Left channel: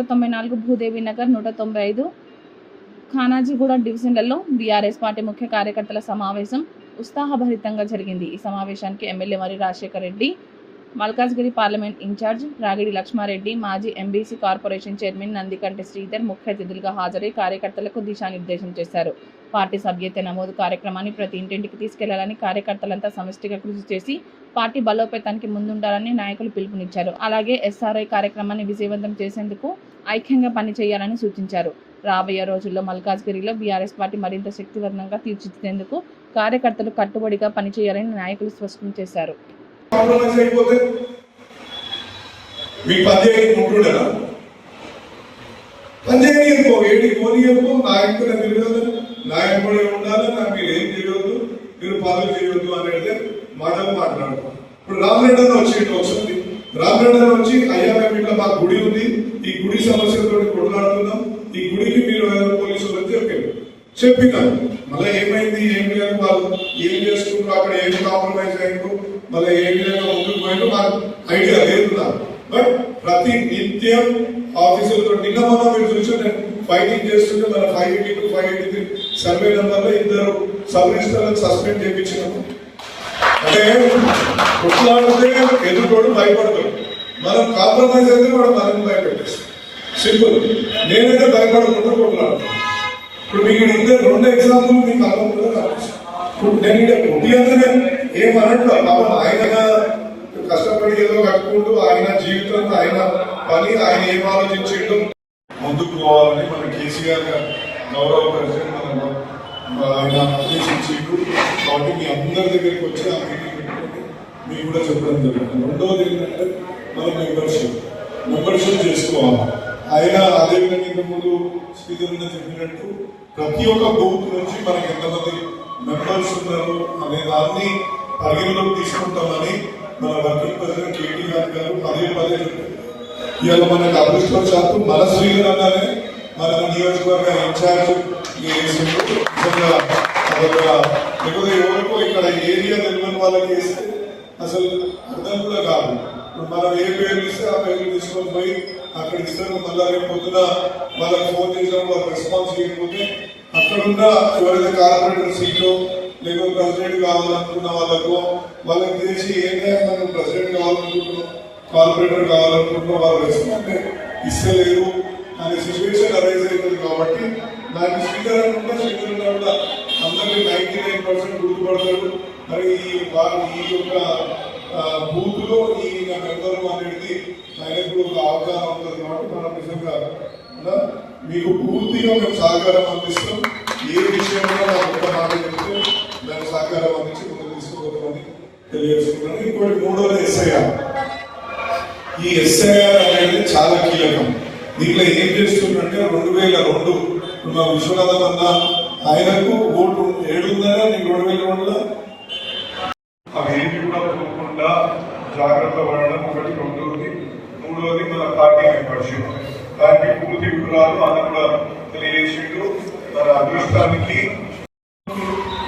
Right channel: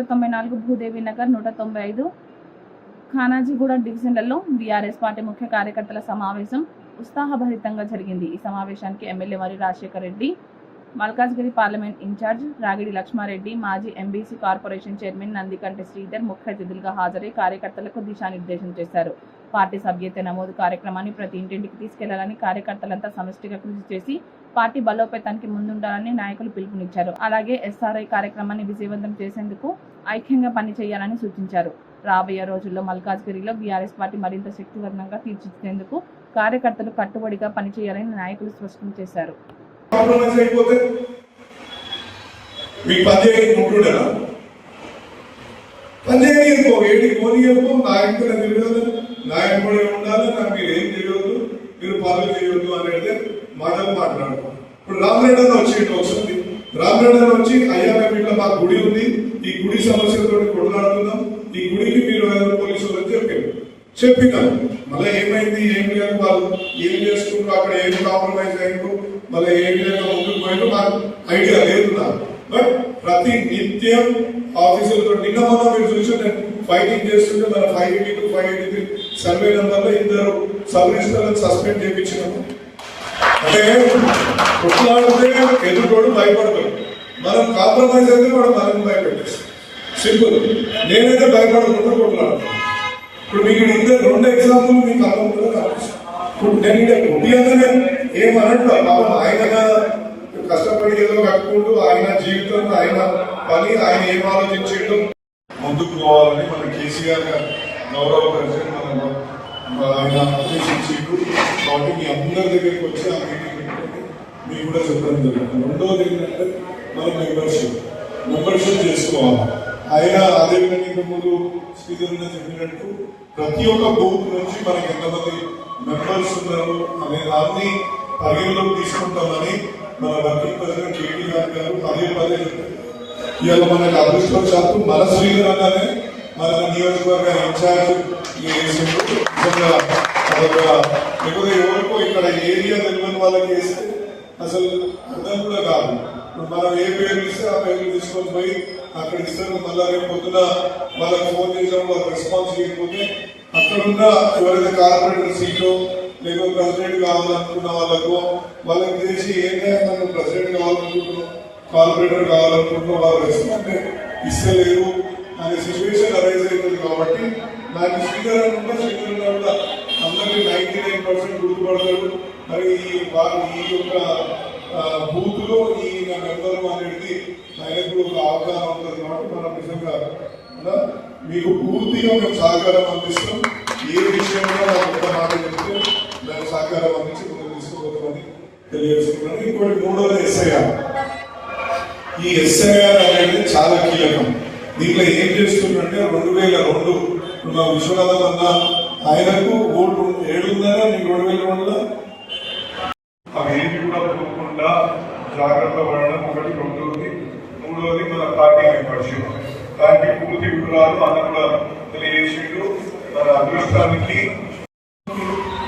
194 భూదేవి నగర్ 195 ఖానాజీగూడ డివిజన్లలో BRS party ముఖ్య కార్యకర్తల సమావేశం ఉత్సాహభరితంగా జరిగింది. ఈ సమావేశానికి MLA Marri Rajasekhar Reddy, Malkajgiri parliament incharge Ragidi Laxmareddy, మాజీ MBC corporation chairman Nandikanti Sridhar ముఖ్య అతిథులుగా హాజరై కార్యకర్తలకు దిశానిర్దేశం చేశారు. పార్టీ సభ్యత్వ నమోదు కార్యక్రమాన్ని ప్రతి ఇంటింటికి తీసుకెళ్లాలని, కార్యకర్తలంతా సమిష్టిగా కృషి చేసి పార్టీ బలోపేతానికి ముందుండాలని నాయకులు పిలుపునిచ్చారు. అలాగే ఎస్ఆర్ఐ కార్యక్రమాన్ని విజయవంతం చేసేందుకు ఐక్యంగా పనిచేయాలని సూచించారు. రాబోయే రోజుల్లో మల్కాజ్గిరిలో బీఆర్ఎస్ పార్టీ మరింత శక్తివంతంగా తీర్చిదిద్దేందుకు కార్యకర్తలు కట్టుబడిగా పనిచేయాలని నాయకులు స్పష్టం చేశారు. ఇప్పుడు రామరెడ్డి వచ్చిండు ఒకసారి. రామరెడ్డి వచ్చి అయ్యా మేము ఇట్లా మా గుడి ఉంది, ఈ గుడి సమస్యలతో కొట్లాడుతున్నాం, ఈ గుడికి మీరు పోలీసులు అని చెప్పినారు. మళ్ళీ ఏమైంది, ఏం లేదు, వాళ్ళు ఏం చేసుకుంటారు, అక్కడ ఏం కాంప్రమైజ్ అయ్యారు, మళ్ళీ ఏ విధంగా ముందుకు పోయినా మాకు ఐడియా లేదు. బట్ ప్రతి నిత్యం ఆఫీసులతో నిన్న మొన్న మీరు చూసి నేను ఫైటింగ్ చేస్తుంటే మన 582, 583 సర్వే నెంబర్లో 2 సబ్ రిజిస్టర్లను సస్పెండ్ చేయించినాము. అంటే కొట్లాడితే ఎదుర్కోడు భయపడతాడు, మనం కాంప్రమైజ్ అయితే కూడా మనకు భయపెట్టేస్తాం. సింపుల్. నేనైతే భయపడకుండా కొట్లాడుతాను. ఇప్పుడు మీకు 2 ఎగ్జాంపుల్ మీకు అర్థం కనిపిస్తాను. ఇప్పుడు నేను ఇక్కడ కొద్ది అందరూ ఏమన్నట్టు పాపం ఆయన కష్టపడి ఏదో కట్టుకుంటూ ఆయన జీవితంలో ఆయన పని ఆయన ఏం ఆలోచించడం ముందుకు పోవాలని మన కేసీఆర్ గౌరవ ప్రెసిడెంట్ ఆయన ఆదేశించారు. కాబట్టి మీ అందరి దగ్గరికి వచ్చి ఆ మీటింగ్ మీకు కూడా చెప్పడం జరుగుతుంది. రెండవది ఏంటంటే మనం మెంబర్షిప్ చేసుకోవాలి. ఆయన అదేవిధంగా ముందు శ్రీధర్ చెప్పినట్టు ప్రతి ఒక్క బూత్ నుంచి మనకి ఎంతమంది మెంబర్స్ ఉన్నారు అనే దాన్ని పరిగణలోకి తీసుకుంటామని మన వర్కింగ్ ప్రెసిడెంట్ కేటీ గారు పదే చెప్పారు. ఇవాళ మనకు అదృష్టవశాత్తు మన శ్రీధర్ అన్నానే మన నియోజకవర్గ ఇన్ఛార్జ్ లేకపోతే ఎవరికో ఇక్కడ ఏరియా తెలియని వాళ్ళకి వేస్తే అసలు అర్థం కూడా కాదు. మనం ఏ పేరు ఇస్తే ఆ పేరు తీసుకొని పోయి అక్కడ ఇస్తారు. మళ్ళా రేపు పొద్దున వాళ్ళకి ఫోన్ చేసినప్పుడు వాళ్ళకి రెస్పాన్స్ చేయకపోతే అక్కడున్న ఎవరైతే కార్పొరేటర్ సీట్లో లేకపోతే ప్రెసిడెంట్ కావాలనుకున్న వాళ్ళకి చేసి ఏదైనా మనం ప్రెసిడెంట్ కావాలనుకుంటున్నాం, కార్పొరేటర్ కావాలనుకుంటున్నాం, వాళ్ళు రెస్పాన్స్ ఇస్తలేరు అనే సిచ్యువేషన్ అరైజ్ అవుతుంది. కాబట్టి నాకు శ్రీధర్ కూడా అందరికీ 99% గుర్తుపడతారు. మరి ఈ యొక్క బూత్ లో ఈ మెంబరు అనేది ఆయనకు ఒక అవగాహన ఉంటుంది. కాబట్టి మనం నిజంగా మీకు పూర్తిగా మేము సహకారం అందిస్తాం. ఏ విషయంలో ఒక్క మాట చెప్తే దానికి సహకారం అందించి ముందుకు తీసుకోవద్దని తెలియజేస్తున్నాను. ఇంకోటి మూడోది ఎస్ఐఆర్. ఈ ఎస్ఐఆర్ అనేది చాలా కీలకం. దీంట్లో ఏం చేస్తుందంటే 2002 విశ్వనాథం అన్న ఆయనకు ఓటు 7 నీకు 2002లో అవి ఏంటి కూడా పోకుండా జాగ్రత్త పడడం ఒకటి. రెండోది మూడోది మన పార్టీ మెంబర్షిప్. దానికి పూర్తి వివరాలు అది కూడా తెలియజేసిండు. మన అదృష్టానికి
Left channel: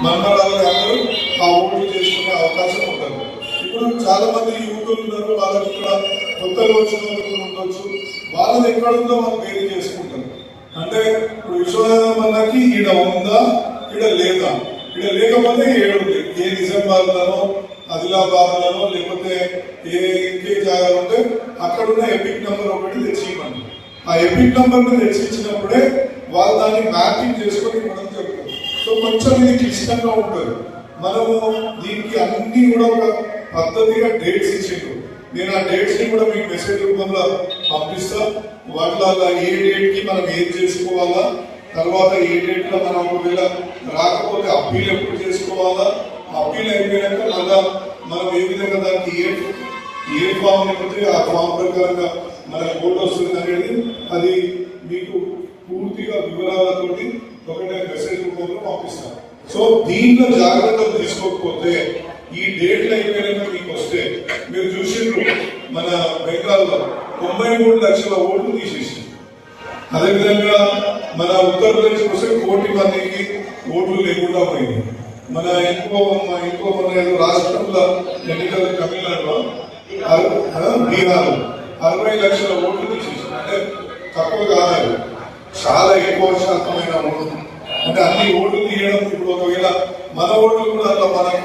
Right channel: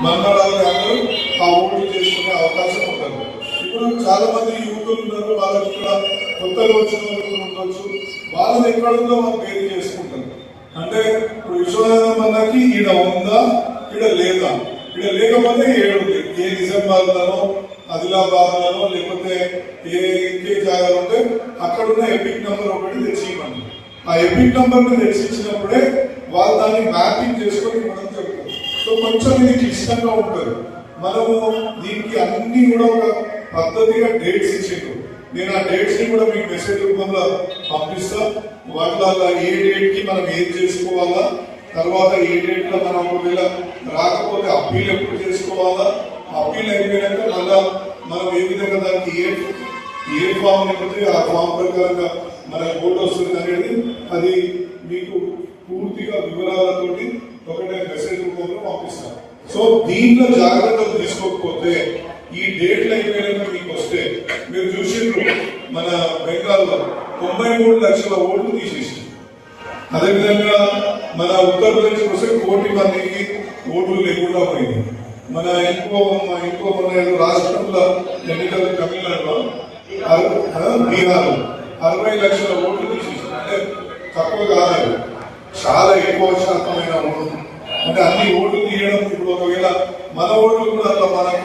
మండలాలు అందరూ ఆ ఓట్లు చేసుకునే అవకాశం ఉంటుంది. ఇప్పుడు చాలా మంది యువకులు ఉన్నారు, వాళ్ళకి కూడా కొత్తగా వచ్చిన వాళ్ళు ఉండొచ్చు. వాళ్ళని ఎక్కడుందో వాళ్ళు పేరు చేసుకుంటారు. అంటే ఇప్పుడు విశ్వనాథం అన్నకి ఈడ ఉందా, ఈడ లేదా, ఈడ లేకపోతే ఏడుంది. ఏ నిజామాబాద్లోనో ఆదిలాబాద్లోనో లేకపోతే ఏ జాగాలు ఉంటే అక్కడున్న ఎపిక్ నెంబర్ ఒకటి తెచ్చివ్వండి. ఆ ఎపిక్ నెంబర్ ని తెచ్చిచ్చినప్పుడే వాళ్ళు దాన్ని మ్యాపింగ్ చేసుకొని మనం చెప్తాం. సో కొంచెం ఇది క్లిష్టంగా ఉంటుంది. మనము దీనికి అన్ని కూడా ఒక పద్ధతిగా డేట్స్ ఇచ్చిండు. నేను ఆ డేట్స్ ని కూడా మీకు మెసేజ్ రూపంలో పంపిస్తాం. వాటిలో ఏ డేట్ కి మనం ఏం చేసుకోవాలా, తర్వాత ఏ డేట్ లో మనం ఒకవేళ రాకపోతే అప్పీల్ ఎప్పుడు చేసుకోవాలా, అప్పీల్ అయిపోయాక మళ్ళా మనం ఏ విధంగా దానికి ఏ ఫామ్ లేకపోతే ఆ ఫామ్ ప్రకారంగా మనకి ఓటు వస్తుంది అనేది అది మీకు పూర్తిగా వివరాలతోటి ఒకటే మెసేజ్ రూపంలో పంపిస్తాం. సో దీంట్లో జాగ్రత్తలు తీసుకోకపోతే ఈ డేట్లు అయిపోయాక మీకు వస్తే మీరు చూసిండ్రు మన బెంగాల్లో 93 లక్షల ఓట్లు తీసేసి, అదేవిధంగా మన ఉత్తరప్రదేశ్ వస్తే 1 కోటి మందికి ఓట్లు లేకుండా పోయింది. మన ఇంకో రాష్ట్రంలో ఎన్నికల తమిళనాడులో బీహార్ 60 లక్షల ఓట్లు తీసేసి, అంటే తక్కువ కాదు, చాలా ఎక్కువ శాతమైన ఓట్లు. అంటే అన్ని ఓట్లు తీయడం ఇప్పుడు ఒకవేళ మన ఓట్లు కూడా అట్లా మనం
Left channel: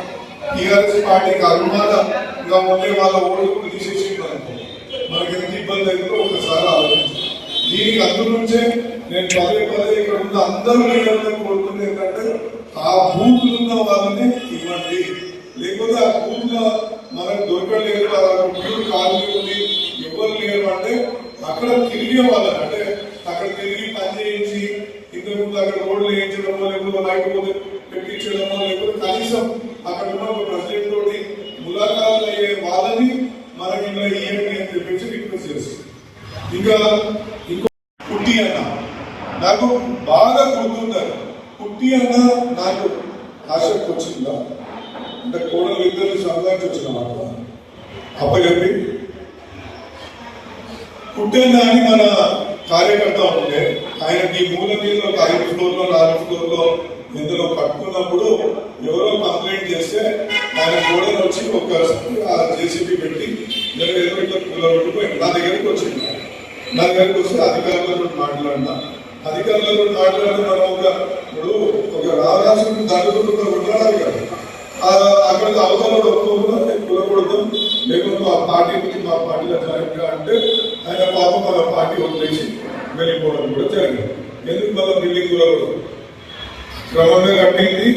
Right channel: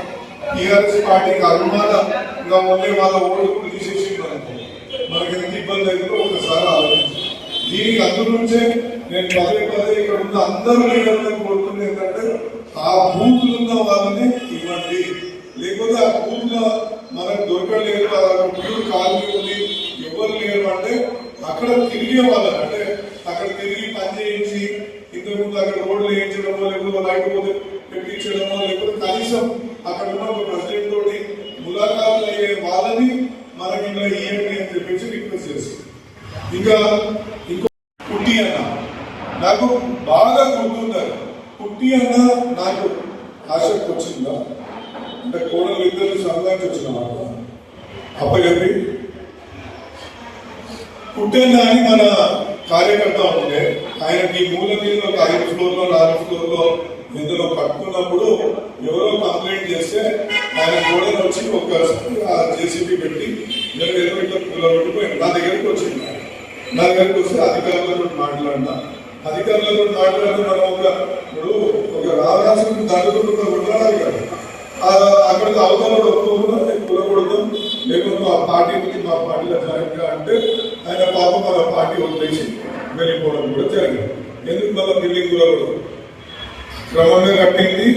టీఆర్ఎస్ పార్టీకి అభిమానంగా ఉండే వాళ్ళ ఓట్లు కూడా తీసేసి మనకి ఎంత ఇబ్బంది అయితే ఒకసారి ఆలోచించాలి. దీనికి అందు నుంచే నేను పదే పదే ఇక్కడ ఉన్న అందరూ లీడర్లను కోరుతుంది ఏంటంటే ఆ బూత్లు ఉన్న వాళ్ళని ఇవ్వండి, లేకపోతే ఆ బూత్ లో మనకు దొరకలేదు ప్యూర్ కాలనీ ఉంది ఎవరు లేరు అంటే అక్కడ తిరిగే వాళ్ళని, అంటే అక్కడ తిరిగి పని చేయించి ఇంతకుముందు అక్కడ రోడ్లు వేయించడమో లేకపోతే లేకపోతే పెట్టించడమో లేకపోతే కనీసం అక్కడ ఉన్న ఒక ప్రెసిడెంట్ తోటి ములాఖాలు అయ్యే వాళ్ళని మనకి ఇక్కడ ఇవ్వండి అని చెప్పేసి రిక్వెస్ట్ చేస్తుంది. ఇంకా ఇంకో పుట్టి అన్న నాకు బాగా గుర్తుంటారు. పుట్టి అన్న నాకు ఆసక్తి వచ్చిందా అంటే కోడలు ఇద్దరు సంబంధించి వచ్చిన మాట అప్పచెప్పి పుట్టేనా అని మన కార్యకర్త ఉంటే ఆయనకి మూల మీద ఒక 5 ఫ్లోర్లో 4 ఫ్లోర్లో ఇందులో కట్టుకున్నప్పుడు ఎవరో కంప్లైంట్ చేస్తే ఆయన కోడలు వచ్చి ఒక్కసారి ఆ జేసీబీ పెట్టి నిలబెట్టుకుపోయి నా దగ్గరికి వచ్చింది. నా దగ్గరికి వస్తే అధికారులతో మాట్లాడినా, అధికారులతో మాట్లాడి మనం ఇప్పుడు ఒక రాజరాష్ట్రం దానితో ఉండాలి కదా, అక్కడ అవతల కులకూడదు లేకపోతే ఆ పార్టీ నుంచి మా పార్టీలో జాయిన్గా అంటే ఆయన పాపం మన పార్టీ వదిలేసి వెళ్ళిపోవడం కూడా జరిగింది. ఎందుకు మళ్ళీ బిల్డింగ్ కులకూడదు క్రమంగా కట్టింది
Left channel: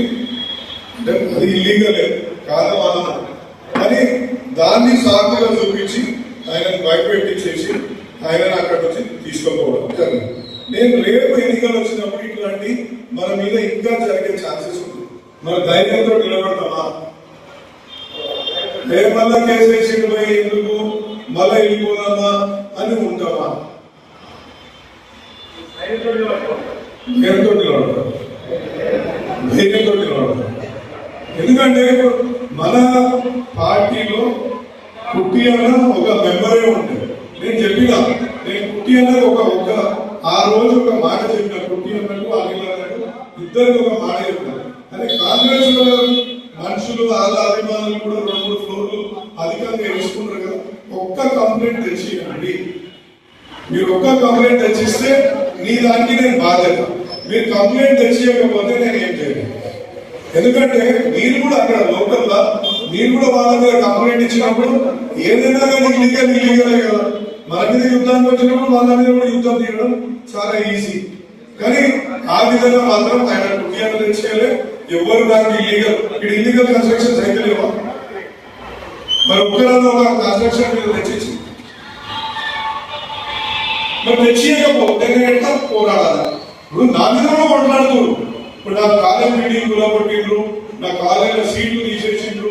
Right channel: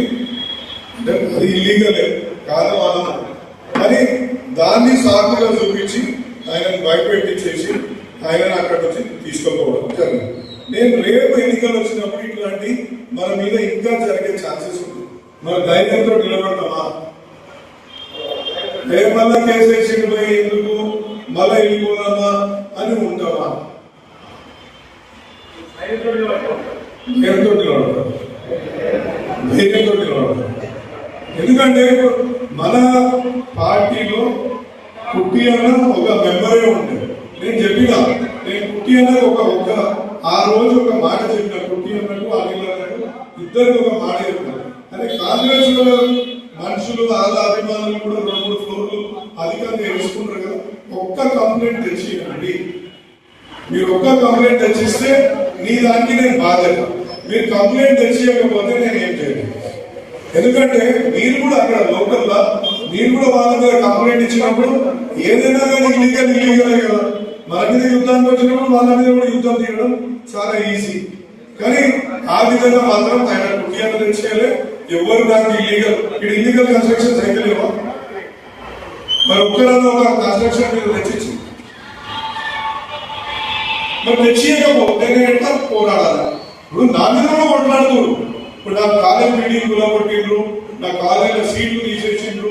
అంటే అది ఇల్లీగలే కాదు మనం అని దాన్ని సాకుగా చూపించి ఆయనను భయపెట్టించేసి ఆయనను అక్కడ నుంచి తీసుకోపోవడం జరిగింది. నేను రేపు ఎన్నికలు వచ్చినప్పుడు ఇట్లాంటి మన మీద ఇంకా జరిగే ఛాన్సెస్ ఉంటుంది. మన ధైర్యంతో నిలబడతామా, మళ్ళా కేసు వేసి పోయి ఎందుకు మళ్ళా వెళ్ళిపోదామా అని ఉంటామా? ధైర్యంతో నిలబడతాం, ధైర్యంతో నిలబడతాం. ఎందుకంటే మన పార్టీలో పుట్టి అన్న ఒక మెంబరే ఉంటుంది. నేను చెప్పిన నేను పుట్టి అన్నది ఒక ఆ రోజు ఒక మాట చెప్పిన పుట్టి అన్నట్టు అనిల్ అన్నట్టు ఇద్దరికి ఒక మాట చెప్తాను. అంటే కాంగ్రెస్ మనుషులు వాళ్ళ అభిమానులు కూడా 2-3 ఫ్లోర్లు అధికంగా వేసుకుంటారు కదా, ఒక్క కంప్లైంట్ తెచ్చియండి. మీరు ఒక్క కంప్లైంట్ తెచ్చిస్తే నీ దానికి నేను బాధ్యత. మీరు కంప్లైంట్ తెచ్చియకపోతే నేను ఏం చేయను. ఎందుకంటే మీరు కూడా అక్కడ లోకల్గా మీరు కూడా వాళ్ళ మీద కంప్లైంట్ ఇచ్చినప్పుడు ఏదైనా కానీ ఇల్లీగలే కదా, మన మీద యుద్ధానికి వచ్చినప్పుడు వాళ్ళ మీద కూడా యుద్ధం తీయడం చాలా ఈజీ. కానీ ఆ విధంగా మాత్రం ఆయన పుట్టిన తెచ్చేయాలి. ఎవరు నాకు ఇల్లీగల్ కన్స్ట్రక్షన్ చేయలేవా? మరి ఒక్కరన్నా ఒక కన్స్ట్రక్షన్ మీద తెచ్చి మరి తెచ్చియకపోతే ఎట్లా పోరాడాలి? ఇప్పుడు నా మీద కొట్లాడుతున్నారు. ఇప్పుడు నా కాలేజ్ మీటింగ్ కొట్టిండ్రు, నా కాలేజీలో సీట్లు తీసేసిండ్రు,